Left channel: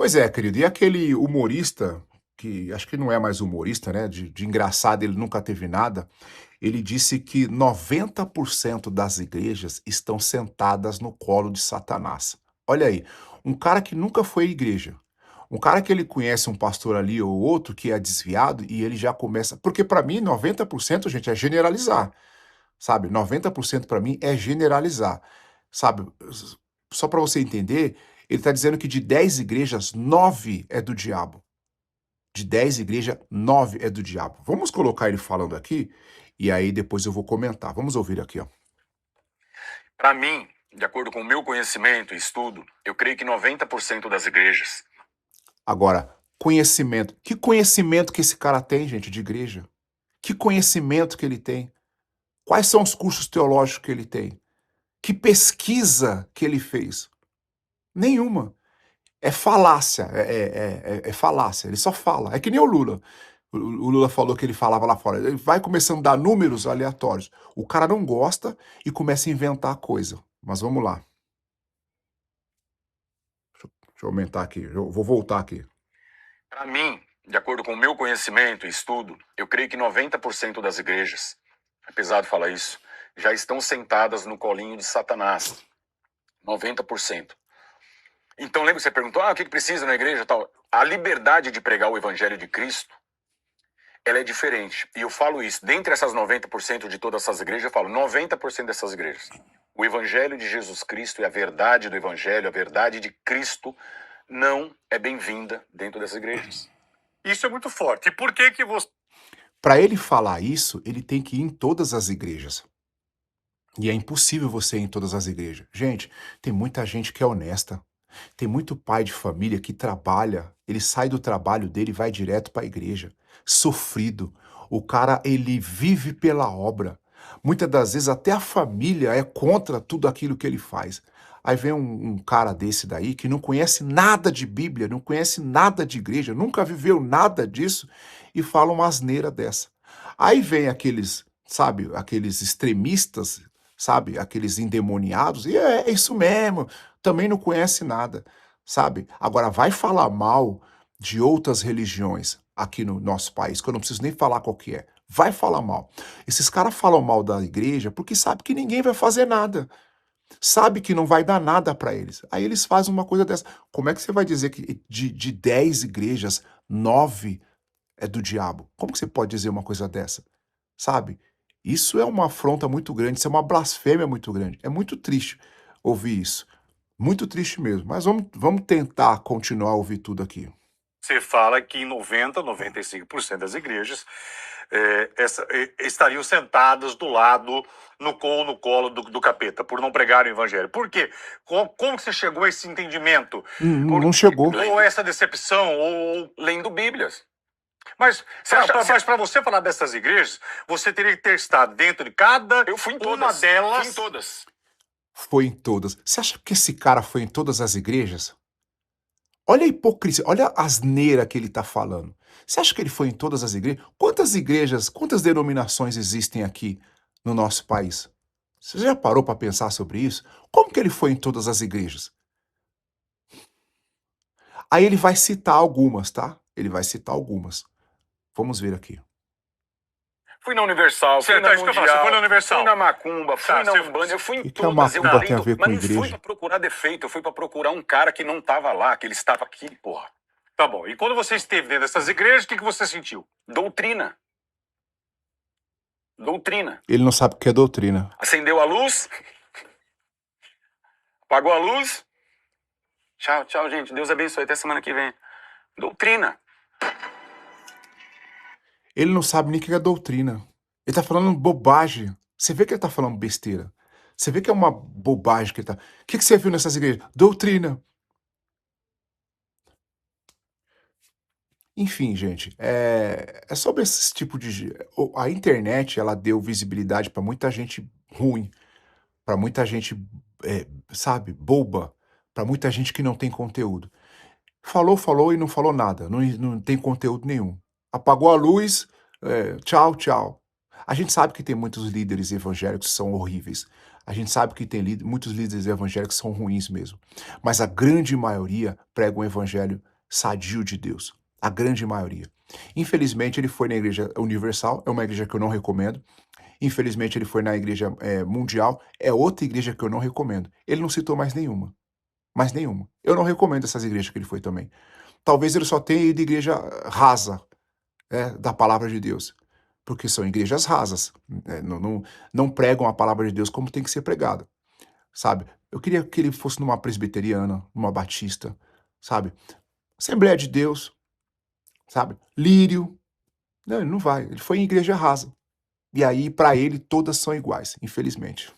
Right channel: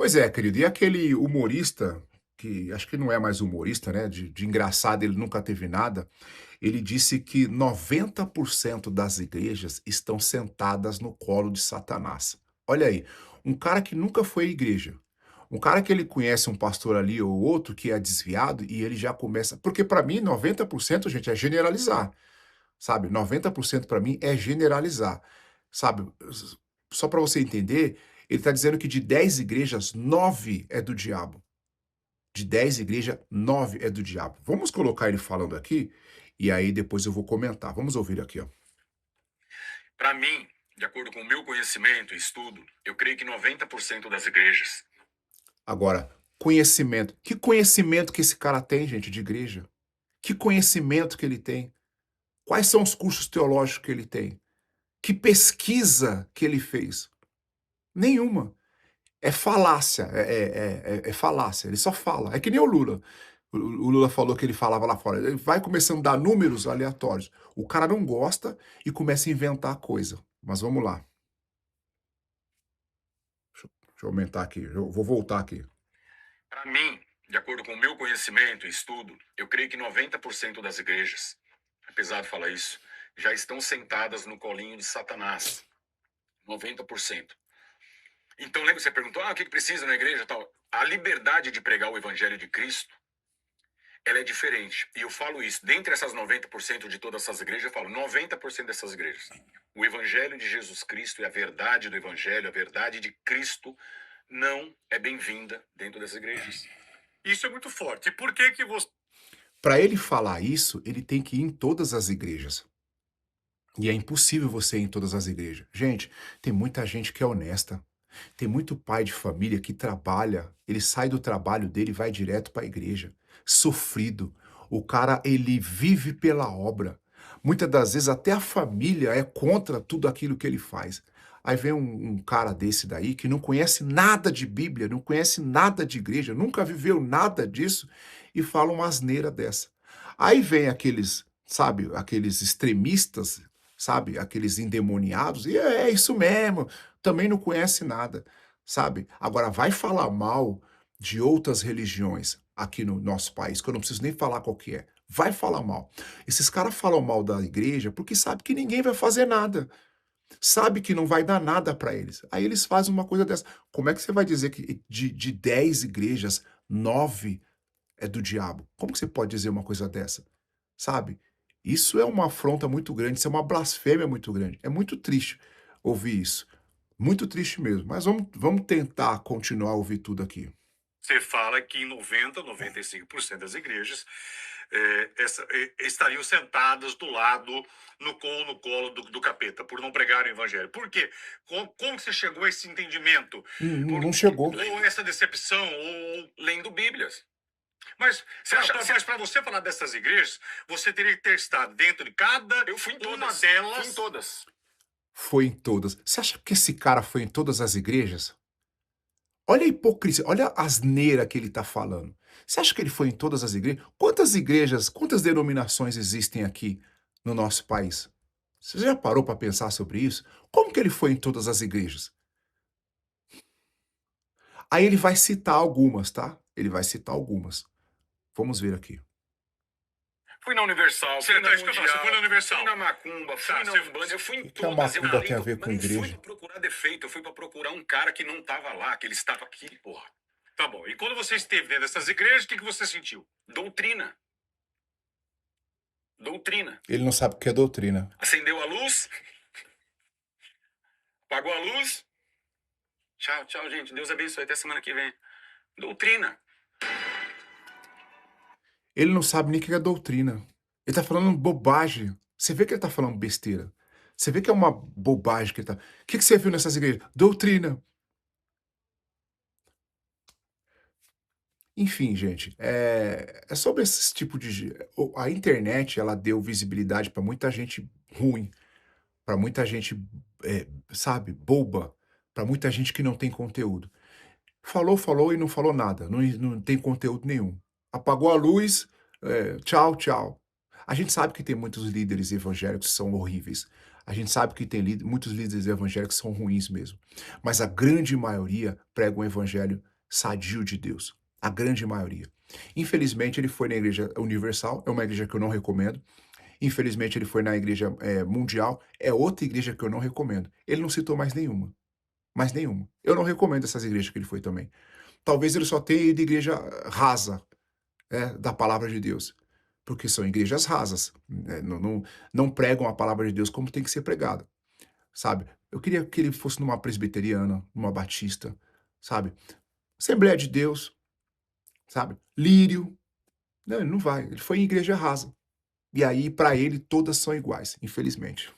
Pois é, querido, e aquele humorista, que acho que não é mais humorista, né, de engraçado ele nunca teve nada, ele disse que 90% das igrejas estão sentadas no colo de Satanás. Olha aí, um cara que nunca foi à igreja, um cara que ele conhece um pastor ali ou outro que é desviado e ele já começa, porque para mim 90%, gente, é generalizar, sabe? 90% para mim é generalizar, sabe? Só para você entender, ele está dizendo que de 10 igrejas, 9 é do diabo. De 10 igrejas, 9 é do diabo. Vamos colocar ele falando aqui, e aí depois eu vou comentar. Vamos ouvir aqui, ó. Para mim, de acordo com o meu conhecimento e estudo, eu creio que 90% das igrejas. Agora, conhecimento. Que conhecimento que esse cara tem, gente, de igreja? Que conhecimento que ele tem? Quais são os cursos teológicos que ele tem? Que pesquisa que ele fez? Nenhuma. É falácia, é falácia, ele só fala. É que nem o Lula. O Lula falou que ele falava lá fora. Ele vai começando a dar números aleatórios. O cara não gosta e começa a inventar coisa. Mas vamos lá. Deixa eu aumentar aqui. Eu vou voltar aqui. Para mim, de acordo com o meu conhecimento e estudo, eu creio que 90% das igrejas, é pesado falar isso, já estão sentadas no colinho de Satanás. 90%. Então, lembra que você perguntou, o que precisa na igreja e tal? A liberdade de pregar o evangelho de Cristo, ela é diferente. E eu falo isso, dentre essas 90% de todas essas igrejas, eu falo 90% dessas igrejas. O evangelho de Jesus Cristo e a verdade do evangelho, a verdade de Cristo, não é bem-vinda dentro dessas igrejas. Isso é muito forte. E por que que você... Para ele falar isso, ele tem que ir em todas as igrejas. E é impossível você ir em todas as igrejas. Gente, tem muita gente que é honesta. Tem muito pai de família que trabalha, ele sai do trabalho dele e vai direto para a igreja. Sofrido. O cara, ele vive pela obra. Muitas das vezes até a família é contra tudo aquilo que ele faz. Aí vem um cara desse daí que não conhece nada de Bíblia, não conhece nada de igreja, nunca viveu nada disso e fala uma asneira dessa. Aí vem aqueles, sabe, aqueles extremistas, sabe, aqueles endemoniados, e é isso mesmo, também não conhece nada, sabe? Agora vai falar mal de outras religiões aqui no nosso país, que eu não preciso nem falar qual que é. Vai falar mal. Esses caras falam mal da igreja porque sabe que ninguém vai fazer nada. Sabe que não vai dar nada para eles. Aí eles fazem uma coisa dessa. Como é que você vai dizer que de 10 igrejas, 9 é do diabo? Como que você pode dizer uma coisa dessa? Sabe? Isso é uma afronta muito grande, isso é uma blasfêmia muito grande. É muito triste ouvir isso. Muito triste mesmo. Mas vamos tentar continuar a ouvir tudo aqui. Você fala que em 95% das igrejas estariam sentadas do lado, no colo do capeta, por não pregarem o evangelho. Por quê? Como que você chegou a esse entendimento? Não chegou. Ou essa decepção, ou... Lendo Bíblias. Mas para você falar dessas igrejas, você teria que ter estado dentro de cada Eu fui em uma todas. delas. Fui em todas. Foi em todas. Você acha que esse cara foi em todas as igrejas? Olha a hipocrisia, olha a asneira que ele está falando. Você acha que ele foi em todas as igrejas? Quantas igrejas, quantas denominações existem aqui no nosso país? Você já parou para pensar sobre isso? Como que ele foi em todas as igrejas? Aí ele vai citar algumas, tá? Ele vai citar algumas. Vamos ver aqui. Fui na Universal, fui Certo, na é isso que eu falo, você Mundial, foi na Universal. fui na Macumba, fui Tá, na você- Umbanda, eu fui em Que a todas. Eu macumba tem a tento, ver com mas não fui igreja? pra procurar defeito, eu fui pra procurar um cara que não tava lá, que ele estava aqui, porra. Tá bom. E quando você esteve dentro dessas igrejas, o que você sentiu? Doutrina. Doutrina. Ele não sabe o que é doutrina. Acendeu a luz, apagou a luz. Tchau, tchau, gente. Deus abençoe. Até semana que vem. Doutrina. Ele não sabe nem o que é doutrina. Ele tá falando bobagem. Você vê que ele tá falando besteira. Você vê que é uma bobagem que ele tá... O que você viu nessas igrejas? Doutrina. Enfim, gente, é sobre esse tipo de... A internet, ela deu visibilidade para muita gente ruim, para muita gente, sabe, boba, para muita gente que não tem conteúdo. Falou, falou e não falou nada, não tem conteúdo nenhum. Apagou a luz, tchau, tchau. A gente sabe que tem muitos líderes evangélicos que são horríveis. A gente sabe que tem muitos líderes evangélicos que são ruins mesmo. Mas a grande maioria prega um evangelho sadio de Deus, a grande maioria. Infelizmente, ele foi na Igreja Universal, é uma igreja que eu não recomendo. Infelizmente, ele foi na Igreja Mundial, é outra igreja que eu não recomendo. Ele não citou mais nenhuma. Mais nenhuma. Eu não recomendo essas igrejas que ele foi também. Talvez ele só tenha ido à igreja rasa, da palavra de Deus. Porque são igrejas rasas. Não pregam a palavra de Deus como tem que ser pregada. Sabe? Eu queria que ele fosse numa presbiteriana, numa batista, sabe? Assembleia de Deus, sabe? Lírio. Não, ele não vai. Ele foi em igreja rasa. E aí, para ele, todas são iguais, infelizmente.